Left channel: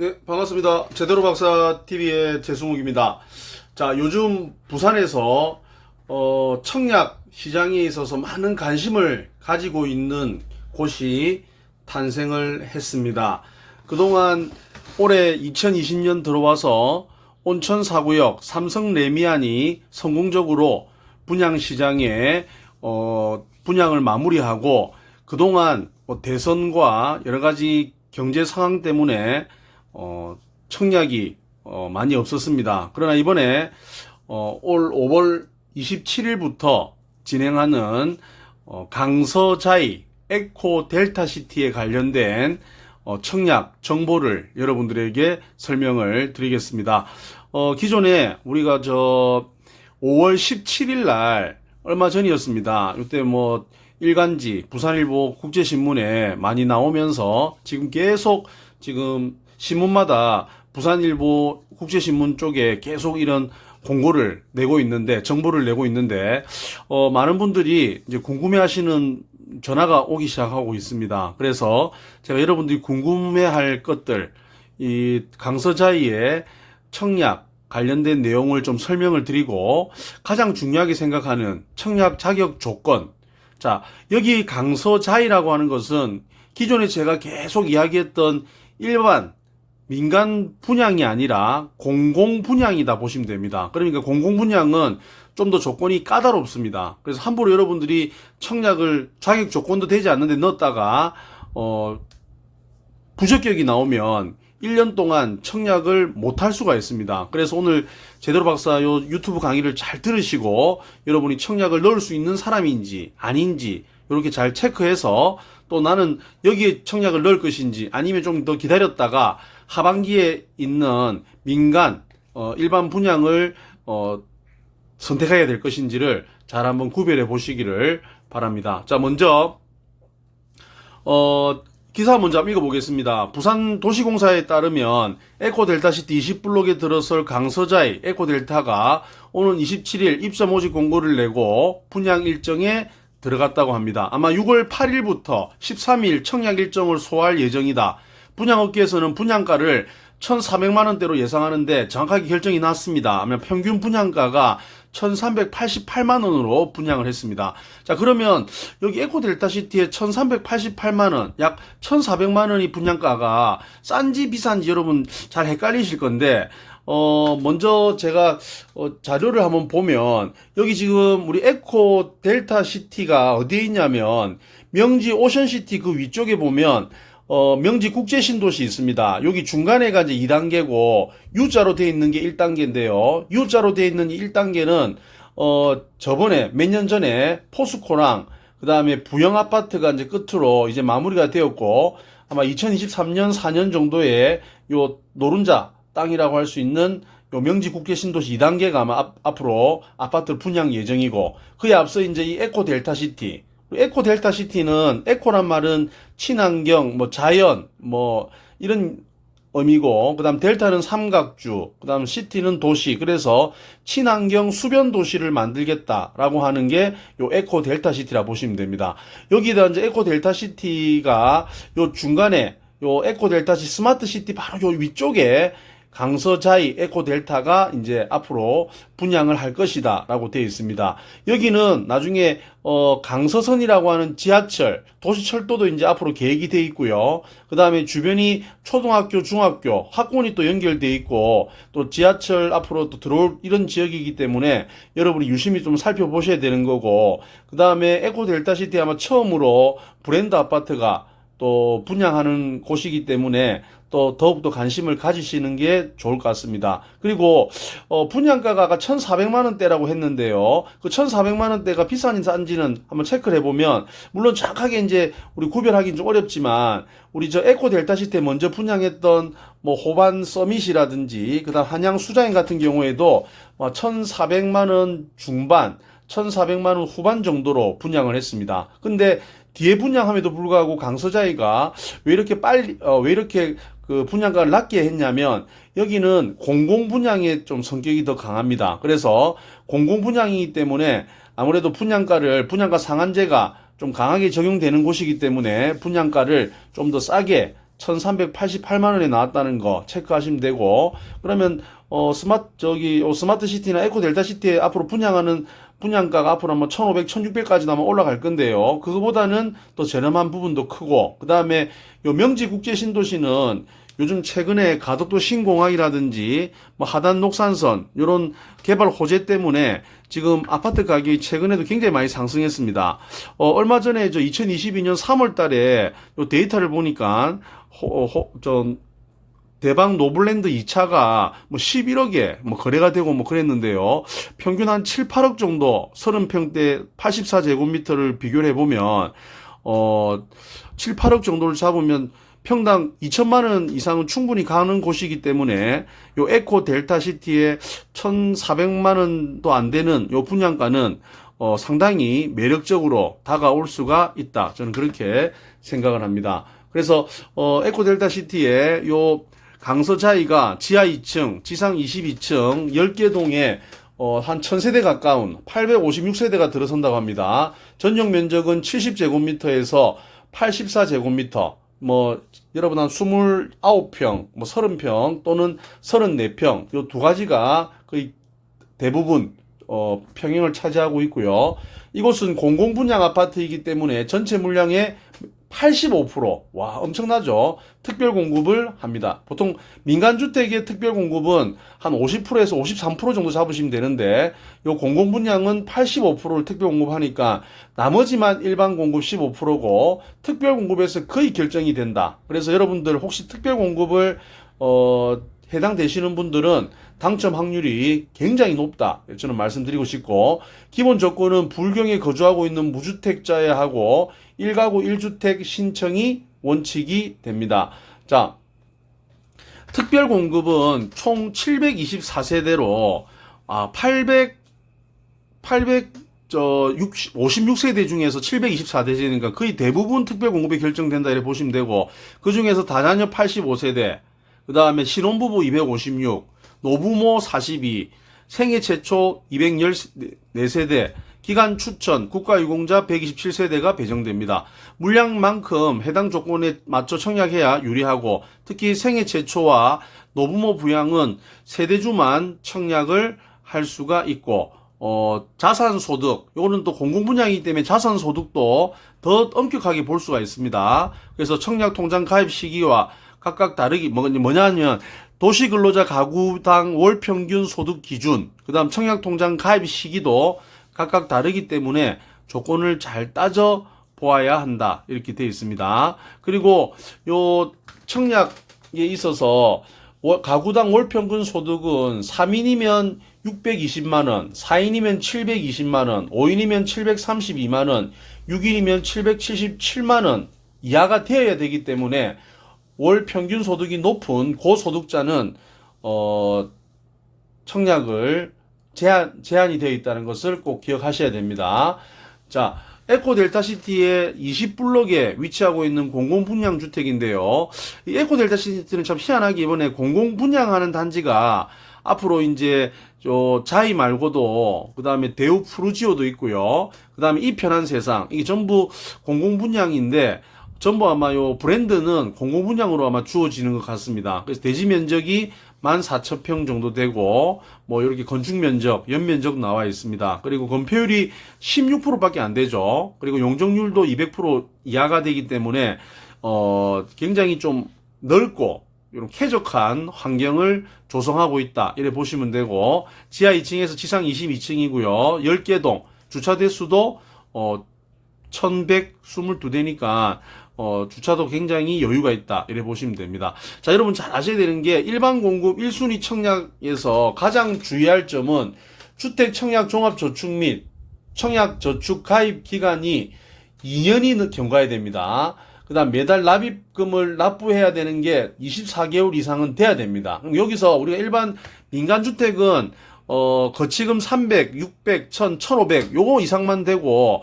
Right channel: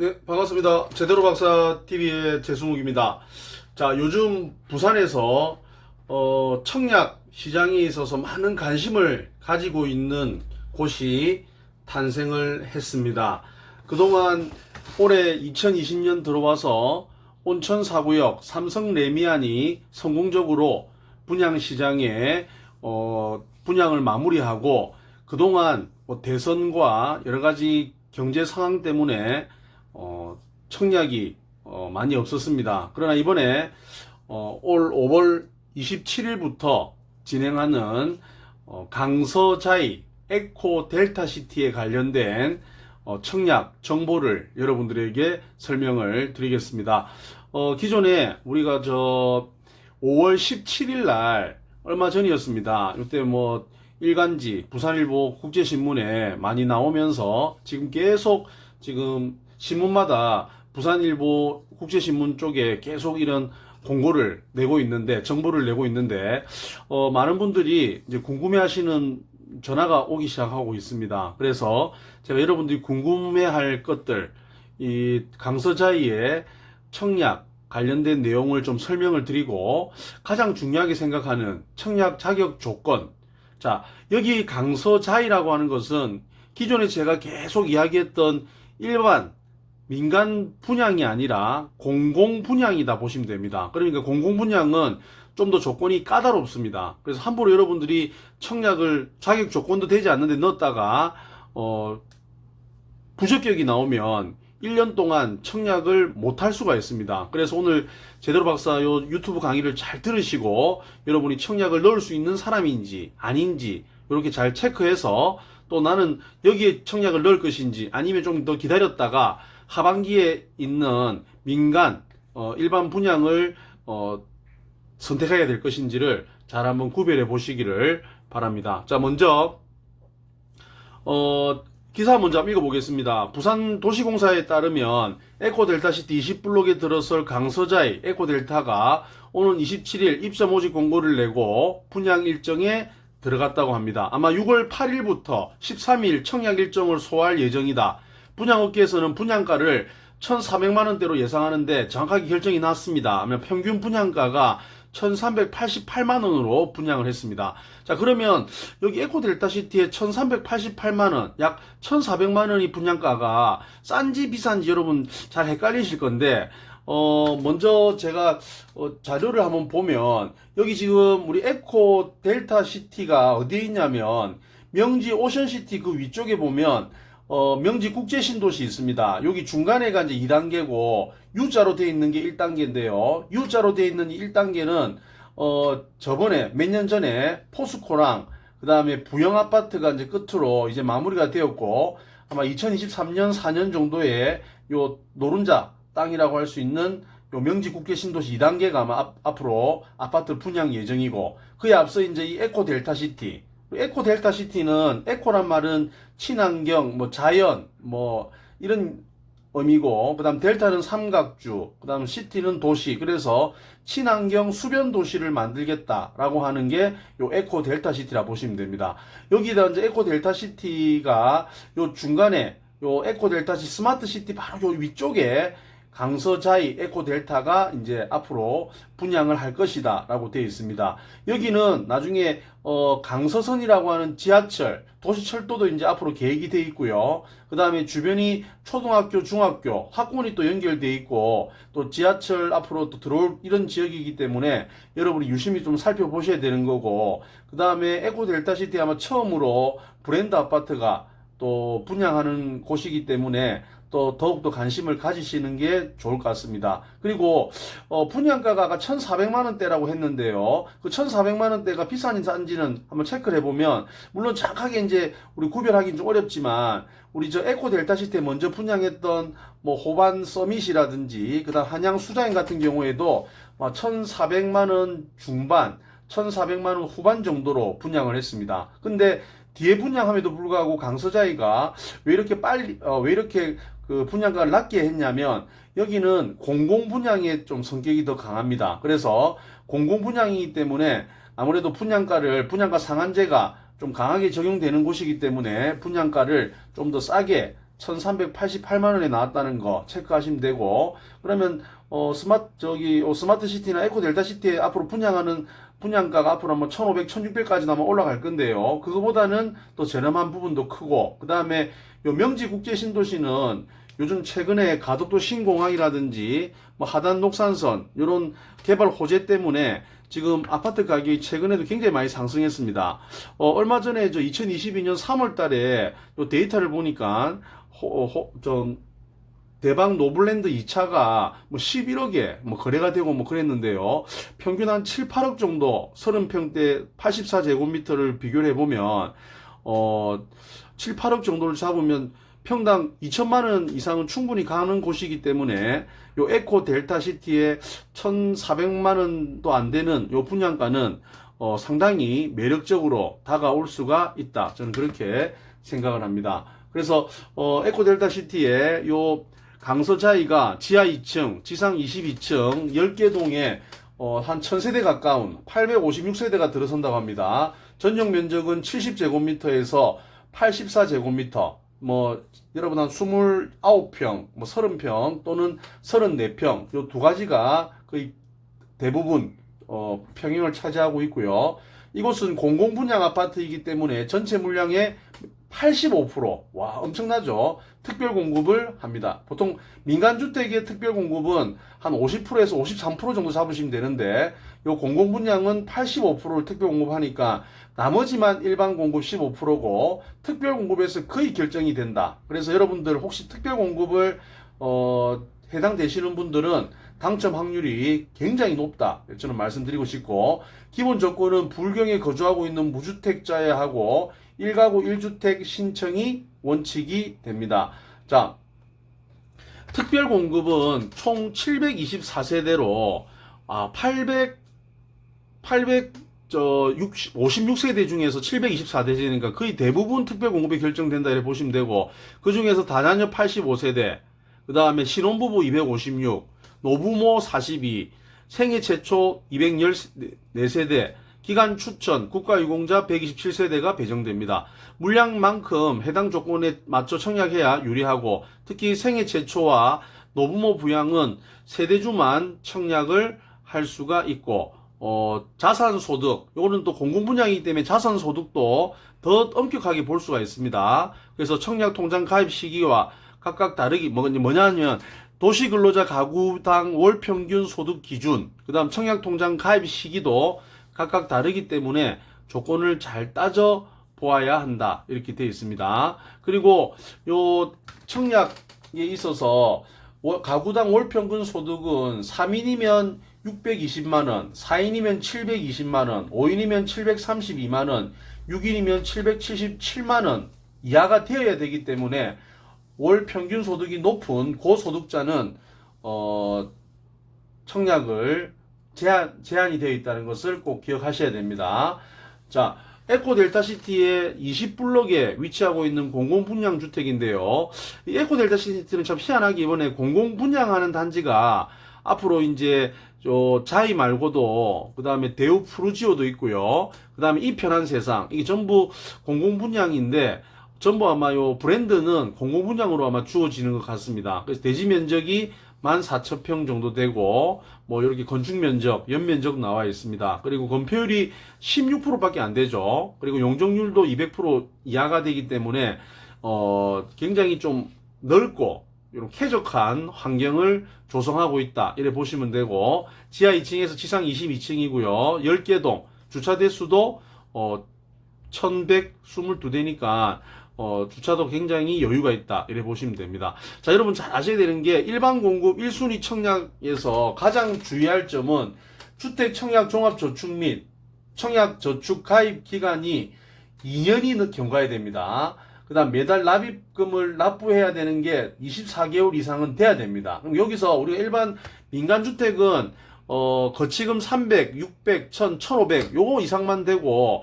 네, 반갑습니다. 제대로 박사 TV의 재승욱입니다. 자, 요즘 부산에서 청약 시장에 있어서 많은 관심을 가지고 있는 곳이 탄생을 했습니다. 그동안 올해 2020년 들어와서 온천 4구역 삼성 레미안이 성공적으로 분양 시장에 분양을 마무리하고, 그동안 대선과 여러 가지 경제 상황 때문에 청약이 많이 없었습니다. 그러나 이번에 올 5월 27일부터 진행하는 강서자이 에코 델타시티에 관련된 청약 정보를 여러분들에게 설명을 드리겠습니다. 기존에 우리가 5월 17일 날 얼마 전이었습니다. 이때 일간지 부산일보 국제신문에 많이 나오면서 지금 신문마다 부산일보 국제신문 쪽에 계속 이런 공고를 내고 있는데, 정보를 내고 있는데, 많은 분들이 이제 궁금해하시는 전화가 오기 시작하고 있습니다. 그래서 제가 여러분들이 궁금해할 것들, 이 강서자이의 청약 관련된 내용을 좀 설명을 드리고, 가장 중요하게 생각하는 청약 자격 조건. 자, 여기 강서자이라고 하는 것은 기존에 제가 계속 이야기했던 일반 민간 분양이 아니라 공공 분양이다 보시면 됩니다. 그러니까 공공 분양은 좀 더 조건이 까다롭습니다. 그래서 함부로 여러분들이 청약을 자격 조건도 되지 않는데 넣었다가 부적격이 나오면 1년 동안 청약을 못할 수가 있습니다. 그래서 오늘 제대로 박사 요 유튜브 강의를 잘 들으시고, 여러분이 청약을 넣을 수 있는 사람인지 아닌지 이렇게 잘 체크해서, 또 나는 여기에 청약을 넣을 것인지 아니면 좀 더 기다렸다가 하반기에 있는 민간 일반 분양을 선택해야 될 것인지를 잘 한번 구별해 보시기를 바랍니다. 자, 먼저 기사 먼저 한번 읽어보겠습니다. 부산도시공사에 따르면 에코델타시티 20블록에 들어설 강서자이 에코델타가 오는 27일 입사 모집 공고를 내고 분양 일정에 들어갔다고 합니다. 아마 6월 8일부터 13일 청약 일정을 소화할 예정이다. 분양업계에서는 분양가를 1,400만원대로 예상하는데 정확하게 결정이 났습니다. 아마 평균 분양가가 1,388만원으로 분양을 했습니다. 자, 그러면 여기 에코델타시티의 1,388만원, 약 1,400만원이 분양가가 싼지 비싼지 여러분 잘 헷갈리실 건데, 먼저 제가 자료를 한번 보면, 여기 지금 우리 에코델타시티가 어디에 있냐면 명지 오션시티 그 위쪽에 보면 명지 국제신도시 있습니다. 여기 중간에가 이제 2단계고 U자로 되어 있는 게 1단계인데요. U자로 되어 있는 1단계는 저번에 몇 년 전에 포스코랑 그 다음에 부영 아파트가 이제 끝으로 이제 마무리가 되었고, 아마 2023년 4년 정도에 요 노른자 땅이라고 할 수 있는 요 명지 국제신도시 2단계가 아마 앞으로 아파트 분양 예정이고, 그에 앞서 이제 이 에코델타시티, 에코델타시티는 에코란 말은 친환경, 자연, 이런 의미고, 그 다음 델타는 삼각주, 그 다음 시티는 도시. 그래서 친환경 수변 도시를 만들겠다라고 하는 게 요 에코델타시티라 보시면 됩니다. 여기다 이제 에코델타시티가 요 중간에 요 에코델타시 스마트시티 바로 요 위쪽에 강서자이 에코델타가 이제 앞으로 분양을 할 것이다 라고 되어 있습니다. 여기는 나중에 강서선이라고 하는 지하철, 도시철도도 이제 앞으로 계획이 되어 있고요. 그 다음에 주변이 초등학교, 중학교, 학군이 또 연결되어 있고, 또 지하철 앞으로 또 들어올 이런 지역이기 때문에 여러분이 유심히 좀 살펴보셔야 되는 거고, 그 다음에 에코델타시티 아마 처음으로 브랜드 아파트가 또 분양하는 곳이기 때문에 또 더욱더 관심을 가지시는 게 좋을 것 같습니다. 그리고 분양가가 아까 1,400만원대라고 했는데요. 그 1,400만원대가 비싼지 싼지는 한번 체크를 해보면, 물론 정확하게 이제 우리 구별하기는 좀 어렵지만, 우리 에코델타시티에 먼저 분양했던 호반 서밋이라든지 그다음 한양 수자인 같은 경우에도 1,400만원 중반, 1,400만원 후반 정도로 분양을 했습니다. 근데 뒤에 분양함에도 불구하고 강서자이가 왜 이렇게 그 분양가를 낮게 했냐면, 여기는 공공 분양의 좀 성격이 더 강합니다. 그래서 공공 분양이기 때문에 아무래도 분양가 상한제가 좀 강하게 적용되는 곳이기 때문에 분양가를 좀 더 싸게 1388만 원에 나왔다는 거 체크하시면 되고, 그러면 스마트 시티나 에코 델타 시티에 앞으로 분양하는 분양가가 앞으로 아마 1,500, 1,600까지 아마 올라갈 건데요. 그거보다는 또 저렴한 부분도 크고, 그 다음에 요 명지 국제 신도시는 요즘 최근에 가덕도 신공항이라든지 뭐 하단 녹산선 요런 개발 호재 때문에 지금 아파트 가격이 최근에도 굉장히 많이 상승했습니다. 얼마 전에 2022년 3월 달에 요 데이터를 보니까 대방 노블랜드 2차가 뭐 11억에 뭐 거래가 되고 뭐 그랬는데요. 평균 한 7, 8억 정도 30평대 84제곱미터를 비교를 해보면 7, 8억 정도를 잡으면 평당 2천만 원 이상은 충분히 가는 곳이기 때문에 요 에코 델타 시티의 1,400만 원도 안 되는 요 분양가는 상당히 매력적으로 다가올 수가 있다. 저는 그렇게 생각을 합니다. 그래서 에코 델타 시티의 요 강서자이가 지하 2층, 지상 22층 10개 동에 한 1000세대 가까운 856세대가 들어선다고 합니다. 전용 면적은 70제곱미터에서 84제곱미터, 뭐 여러분 한 29평, 뭐 30평 또는 34평 요 두 가지가 거의 대부분 평형을 차지하고 있고요. 이곳은 공공분양 아파트이기 때문에 전체 물량의 85%, 와 엄청나죠. 특별 공급을 합니다. 보통 민간주택의 특별 공급은 한 50%에서 53% 정도 잡으시면 되는데 요 공공분양은 85%를 특별 공급하니까 나머지만 일반 공급 15%고 특별 공급에서 거의 결정이 된다. 그래서 여러분들 혹시 특별 공급을 해당되시는 분들은 당첨 확률이 굉장히 높다. 저는 말씀드리고 싶고, 기본 조건은 불경에 거주하고 있는 무주택자야 하고 1가구 1주택 신청이 원칙이 됩니다. 자, 특별 공급은 총 724세대로 56세대 중에서 724세대니까 거의 대부분 특별 공급이 결정된다 이렇게 보시면 되고, 그 중에서 다자녀 85세대, 그 다음에 신혼부부 256, 노부모 42, 생애 최초 214세대, 기간 추천, 국가유공자 127세대가 배정됩니다. 물량만큼 해당 조건에 맞춰 청약해야 유리하고, 특히 생애 최초와 노부모 부양은 세대주만 청약을 할 수가 있고, 자산소득, 요거는 또 공공분양이기 때문에 자산소득도 더 엄격하게 볼 수가 있습니다. 그래서 청약통장 가입 시기와 각각 다르기, 뭐냐면, 도시근로자 가구당 월 평균 소득 기준, 그 다음 청약통장 가입 시기도 각각 다르기 때문에 조건을 잘 따져 보아야 한다. 이렇게 되어 있습니다. 그리고 요 청약에 있어서 가구당 월 평균 소득은 3인이면 620만원, 4인이면 720만원, 5인이면 732만원, 6인이면 777만원 이하가 되어야 되기 때문에 월 평균 소득이 높은 고소득자는 청약을 제한이 되어 있다는 것을 꼭 기억하셔야 됩니다. 자, 에코 델타 시티의 20블록에 위치하고 있는 공공분양 주택인데요. 이 에코 델타 시티는 참 희한하게 이번에 공공분양하는 단지가 앞으로 이제 자이 말고도 그 다음에 대우 푸르지오도 있고요. 그 다음에 이 편한 세상, 이게 전부 공공분양인데 전부 아마 요 브랜드는 공공분양으로 아마 주어지는 것 같습니다. 그래서 대지 면적이 14,000평 정도 되고, 뭐 이렇게 건축 면적, 연면적 나와 있습니다. 그리고 건폐율이 16%밖에 안 되죠. 그리고 용적률도 200% 이하가 되기 때문에 굉장히 좀 넓고 이런 쾌적한 환경을 조성하고 있다. 이래 보시면 되고, 지하 2층에서 지상 22층이고요. 10개 동, 주차 대수도 1122대니까 주차도 굉장히 여유가 있다. 이래 보시면 됩니다. 자, 여러분 잘 아셔야 되는 게 일반 공급 1순위 청약에서 가장 주의할 점은 주택 청약 종합저축 및 청약 저축 가입 기간이 2년이 경과해야 됩니다. 그 다음 매달 납입금을 납부해야 되는 게 24개월 이상은 돼야 됩니다. 그럼 여기서 우리가 일반 민간주택은 거치금 300, 600, 1000, 1500 요거 이상만 되고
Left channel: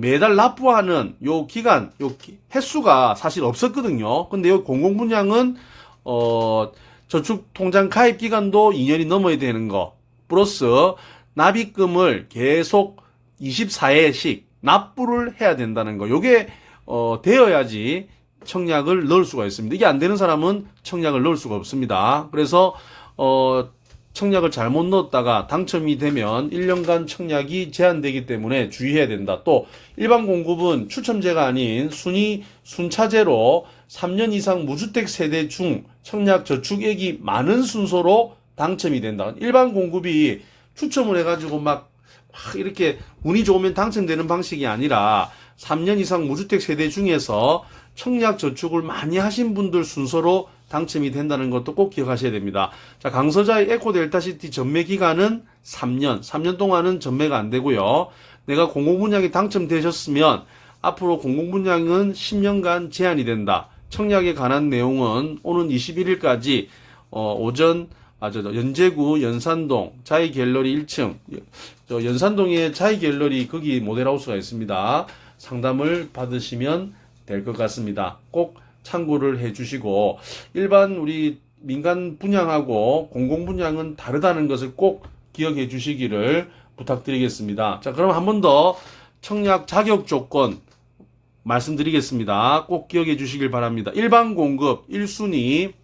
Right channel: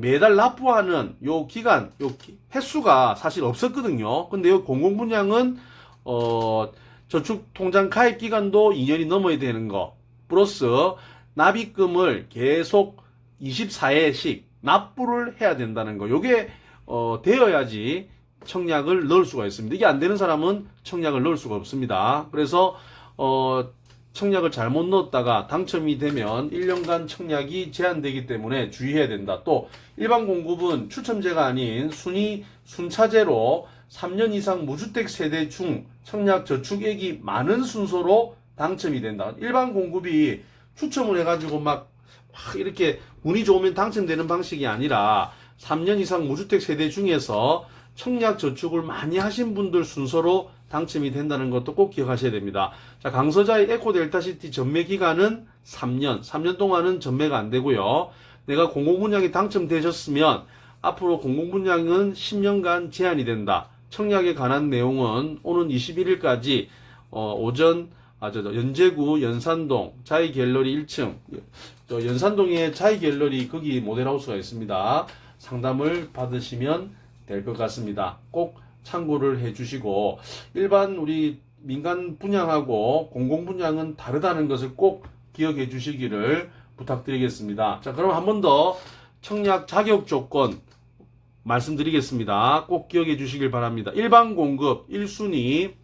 매달 납부하는 요 기간, 요 횟수가 사실 없었거든요. 근데 요 공공분양은 저축통장 가입 기간도 2년이 넘어야 되는 거, 플러스 납입금을 계속 24회씩 납부를 해야 된다는 거. 요게 되어야지 청약을 넣을 수가 있습니다. 이게 안 되는 사람은 청약을 넣을 수가 없습니다. 그래서 청약을 잘못 넣었다가 당첨이 되면 1년간 청약이 제한되기 때문에 주의해야 된다. 또 일반 공급은 추첨제가 아닌 순차제로 3년 이상 무주택 세대 중 청약 저축액이 많은 순서로 당첨이 된다. 일반 공급이 추첨을 해가지고 막 이렇게 운이 좋으면 당첨되는 방식이 아니라 3년 이상 무주택 세대 중에서 청약 저축을 많이 하신 분들 순서로 당첨이 된다는 것도 꼭 기억하셔야 됩니다. 자, 강서자의 에코델타시티 전매 기간은 3년 동안은 전매가 안 되고요. 내가 공공분양에 당첨되셨으면 앞으로 공공분양은 10년간 제한이 된다. 청약에 관한 내용은 오는 21일까지 연제구 연산동 자이갤러리 1층 연산동에 자이갤러리 거기 모델하우스가 있습니다. 상담을 받으시면 될 것 같습니다. 꼭 참고를 해주시고 일반 우리 민간 분양하고 공공 분양은 다르다는 것을 꼭 기억해 주시기를 부탁드리겠습니다. 자, 그럼 한 번 더 청약 자격 조건 말씀드리겠습니다. 꼭 기억해 주시길 바랍니다. 일반 공급 1순위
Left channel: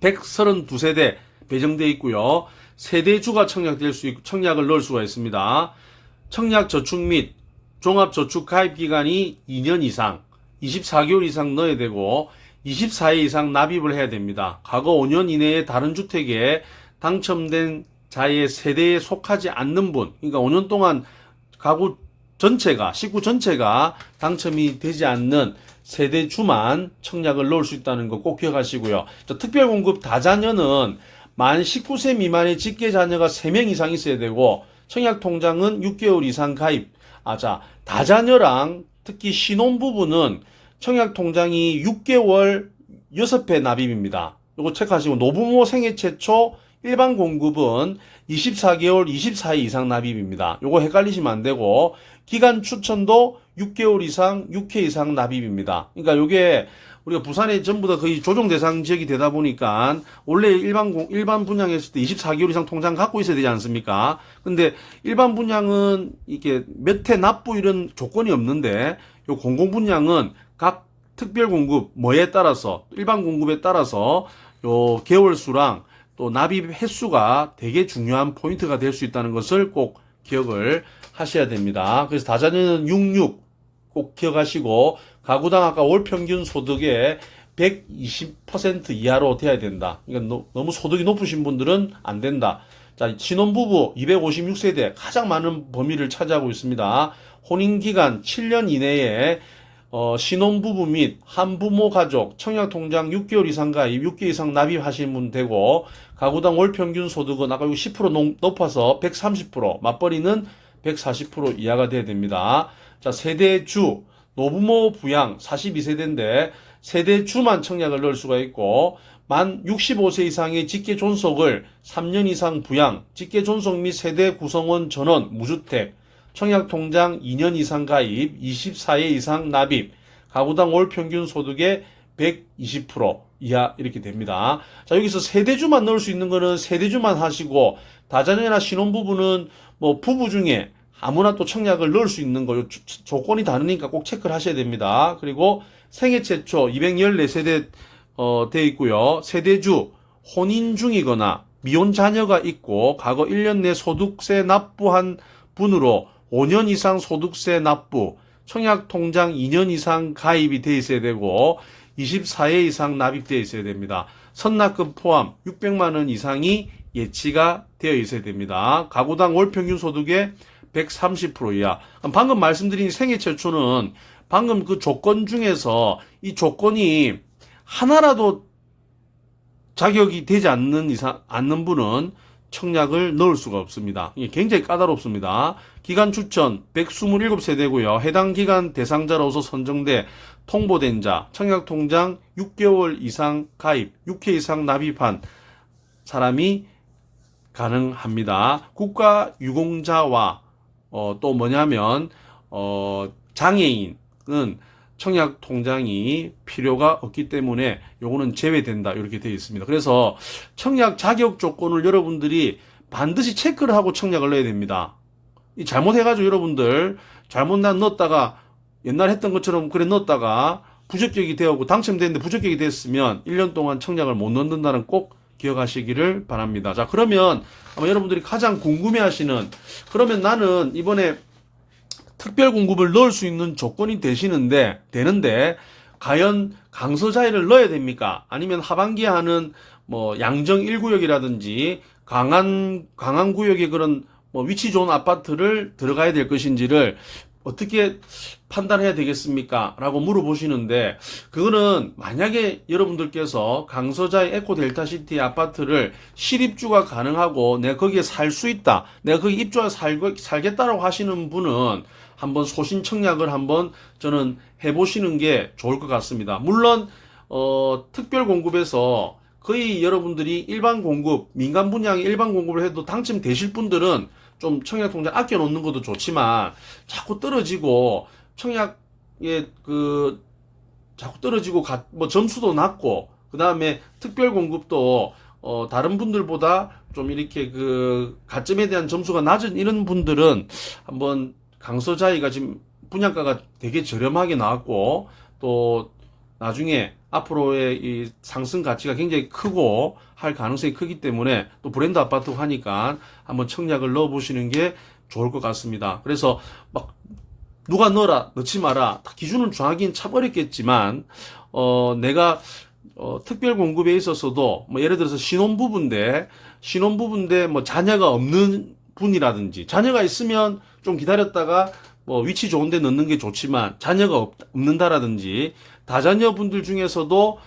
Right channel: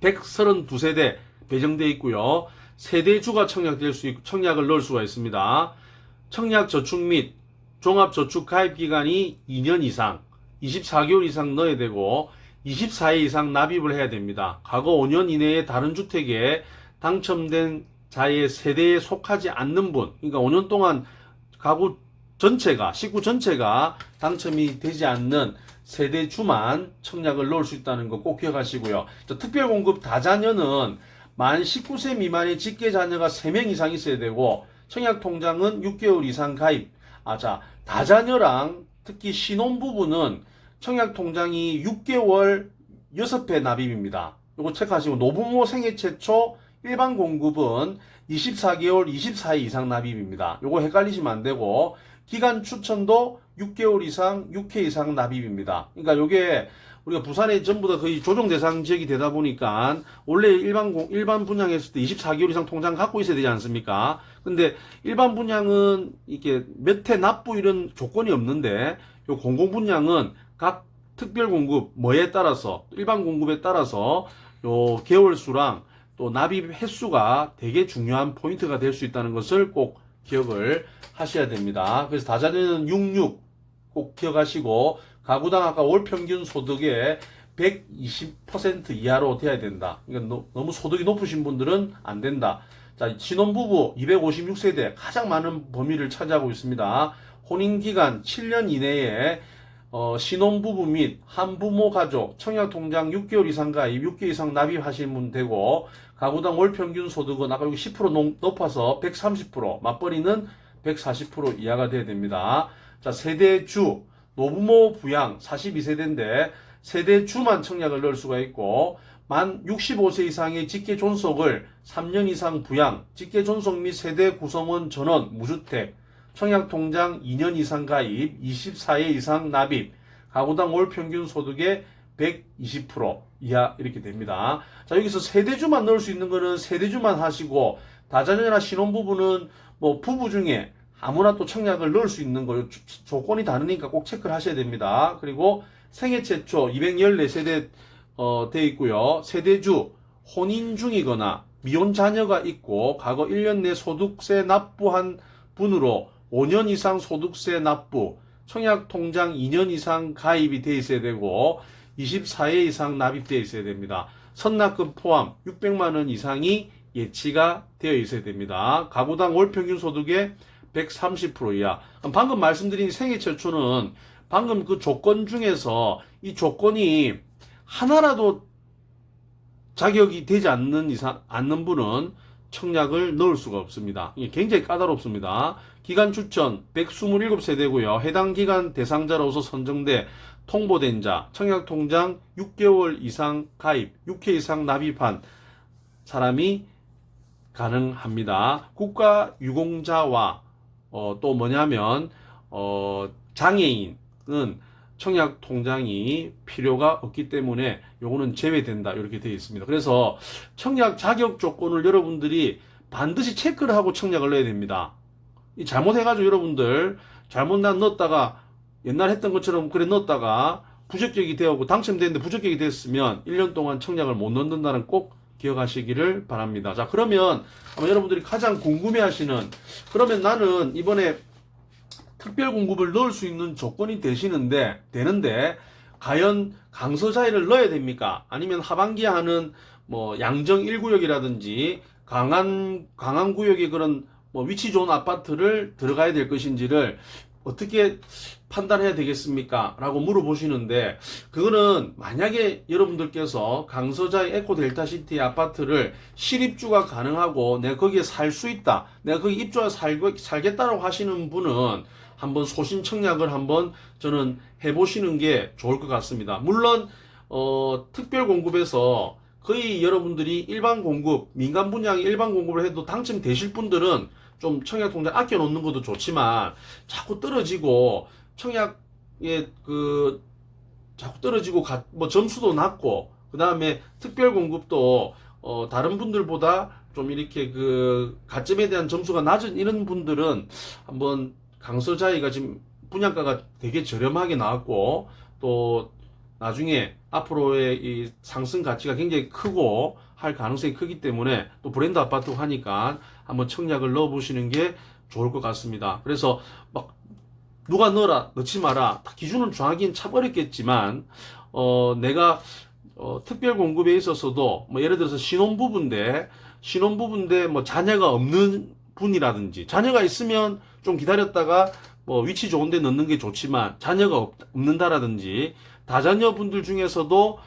132세대 배정되어 있고요. 세대주가 청약을 넣을 수가 있습니다. 청약 저축 및 종합 저축 가입 기간이 2년 이상 24개월 이상 넣어야 되고 24회 이상 납입을 해야 됩니다. 과거 5년 이내에 다른 주택에 당첨된 자의 세대에 속하지 않는 분, 그러니까 5년 동안 가구 전체가, 식구 전체가 당첨이 되지 않는 세대주만 청약을 넣을 수 있다는 거 꼭 기억하시고요. 특별공급 다자녀는 만 19세 미만의 직계 자녀가 3명 이상 있어야 되고 청약통장은 6개월 이상 가입. 다자녀랑 특히 신혼부부는 청약통장이 6개월 6회 납입입니다. 이거 체크하시고 노부모 생애 최초 일반 공급은 24개월 24회 이상 납입입니다. 이거 헷갈리시면 안 되고 기간 추천도 6개월 이상 6회 이상 납입입니다. 그러니까 이게 우리가 부산에 전부 다 거의 조정 대상 지역이 되다 보니까 원래 일반 분양했을 때 24개월 이상 통장 갖고 있어야 되지 않습니까? 근데 일반 분양은 이게 몇 회 납부 이런 조건이 없는데 요 공공 분양은 각 특별 공급 뭐에 따라서 일반 공급에 따라서 요 개월 수랑 또 납입 횟수가 되게 중요한 포인트가 될 수 있다는 것을 꼭 기억을 하셔야 됩니다. 그래서 다자녀는 66 꼭 기억하시고 가구당 아까 월 평균 소득의 120% 이하로 돼야 된다. 그러니까 너무 소득이 높으신 분들은 안 된다. 자, 신혼부부 256세대 가장 많은 범위를 차지하고 있습니다. 혼인기간 7년 이내에 신혼부부 및 한부모 가족 청약통장 6개월 이상 가입 6개월 이상 납입하시는 분 되고 가구당 월 평균 소득은 아까 10% 높아서 130% 맞벌이는 140% 이하가 돼야 됩니다. 자, 세대주 노부모 부양 42세대인데 세대주만 청약을 넣을 수가 있고 만 65세 이상의 직계 존속을 3년 이상 부양, 직계 존속 및 세대 구성원 전원 무주택, 청약통장 2년 이상 가입, 24회 이상 납입, 가구당 월 평균 소득의 120% 이하 이렇게 됩니다. 자, 여기서 세대주만 넣을 수 있는 거는 세대주만 하시고 다자녀나 신혼부부는 뭐 부부 중에 아무나 또 청약을 넣을 수 있는 거 조건이 다르니까 꼭 체크를 하셔야 됩니다. 그리고 생애 최초 214세대 돼 있고요. 세대주 혼인 중이거나 미혼 자녀가 있고 과거 1년 내 소득세 납부한 분으로 5년 이상 소득세 납부, 청약통장 2년 이상 가입이 돼 있어야 되고 24회 이상 납입되어 있어야 됩니다. 선납금 포함 600만 원 이상이 예치가 되어 있어야 됩니다. 가구당 월 평균 소득의 130% 이하. 방금 말씀드린 생애 최초는 방금 그 조건 중에서 이 조건이 하나라도 자격이 되지 않는 분은 청약을 넣을 수가 없습니다. 이게 굉장히 까다롭습니다. 기간 추천 127세대고요. 해당 기간 대상자로서 선정돼 통보된 자, 청약통장 6개월 이상 가입, 6회 이상 납입한 사람이 가능합니다. 국가유공자와 또 뭐냐면 장애인은 청약 통장이 필요가 없기 때문에 요거는 제외된다 이렇게 되어 있습니다. 그래서 청약 자격 조건을 여러분들이 반드시 체크를 하고 청약을 넣어야 됩니다. 잘못해가지고 여러분들 잘못 넣었다가 옛날 했던 것처럼 그래 넣었다가 부적격이 되었고 당첨됐는데 부적격이 됐으면 1년 동안 청약을 못 넣는다는 꼭 기억하시기를 바랍니다. 자, 그러면 아마 여러분들이 가장 궁금해하시는, 그러면 나는 이번에 특별 공급을 넣을 수 있는 조건이 되는데 과연 강서자이를 넣어야 됩니까? 아니면 하반기에 하는 뭐 양정 1구역이라든지 강한 구역의 그런 뭐 위치 좋은 아파트를 들어가야 될 것인지를 어떻게 판단해야 되겠습니까? 라고 물어보시는데, 그거는 만약에 여러분들께서 강서자의 에코델타시티 아파트를 실입주가 가능하고 내가 거기에 살 수 있다, 내가 거기 입주해서 살겠다라고 하시는 분은 한번 소신 청약을 한번 저는 해보시는 게 좋을 것 같습니다. 물론 특별 공급에서 거의 여러분들이 일반 공급, 민간 분양의 일반 공급을 해도 당첨되실 분들은 좀 청약 통장 아껴 놓는 것도 좋지만 자꾸 떨어지고 청약에 자꾸 떨어지고 뭐 점수도 낮고 그다음에 특별 공급도 다른 분들보다 좀 이렇게 가점에 대한 점수가 낮은 이런 분들은 한번 강서자이가 지금 분양가가 되게 저렴하게 나왔고 또 나중에 앞으로의 이 상승 가치가 굉장히 크고 할 가능성이 크기 때문에 또 브랜드 아파트고 하니까 한번 청약을 넣어 보시는 게 좋을 것 같습니다. 그래서 막 누가 넣어라 넣지 마라 기준을 정하기는 참 어렵겠지만 내가 특별 공급에 있어서도 뭐 예를 들어서 신혼부부인데 뭐 자녀가 없는 분이라든지, 자녀가 있으면 좀 기다렸다가 뭐 위치 좋은 데 넣는 게 좋지만 자녀가 없는다라든지, 다자녀분들 중에서도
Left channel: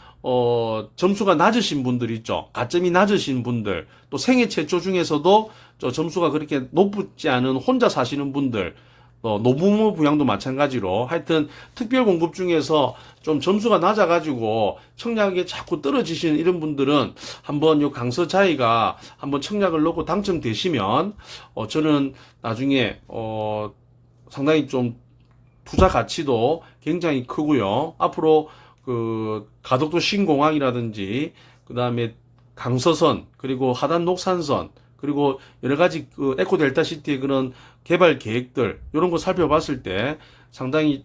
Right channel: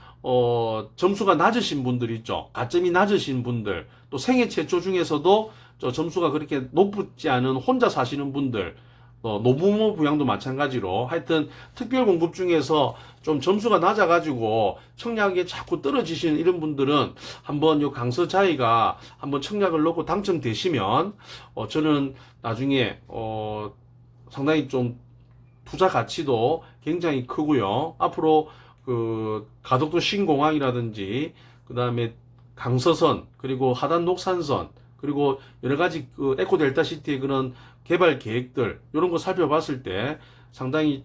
점수가 낮으신 분들 있죠. 가점이 낮으신 분들, 또 생애 최초 중에서도 점수가 그렇게 높지 않은 혼자 사시는 분들, 노부모 부양도 마찬가지로 하여튼 특별 공급 중에서 좀 점수가 낮아가지고 청약에 자꾸 떨어지시는 이런 분들은 한번 요 강서자이가 한번 청약을 넣고 당첨되시면 저는 나중에 상당히 좀 투자 가치도 굉장히 크고요. 앞으로 가덕도 신공항이라든지 그다음에 강서선, 그리고 하단 녹산선, 그리고 여러 가지 에코델타시티의 그런 개발 계획들 이런 거 살펴봤을 때 상당히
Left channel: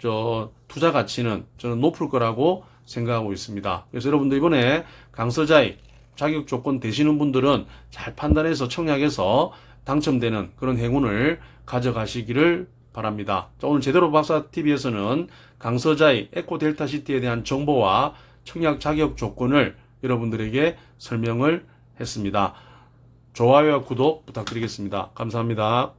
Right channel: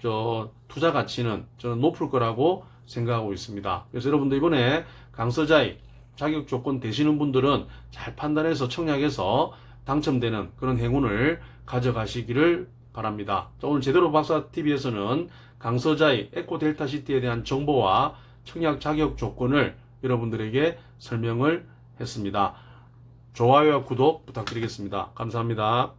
투자 가치는 저는 높을 거라고 생각하고 있습니다. 그래서 여러분들 이번에 강서자이 자격 조건 되시는 분들은 잘 판단해서 청약해서 당첨되는 그런 행운을 가져가시기를 바랍니다. 자, 오늘 제대로 박사TV에서는 강서자이 에코델타시티에 대한 정보와 청약 자격 조건을 여러분들에게 설명을 했습니다. 좋아요와 구독 부탁드리겠습니다. 감사합니다.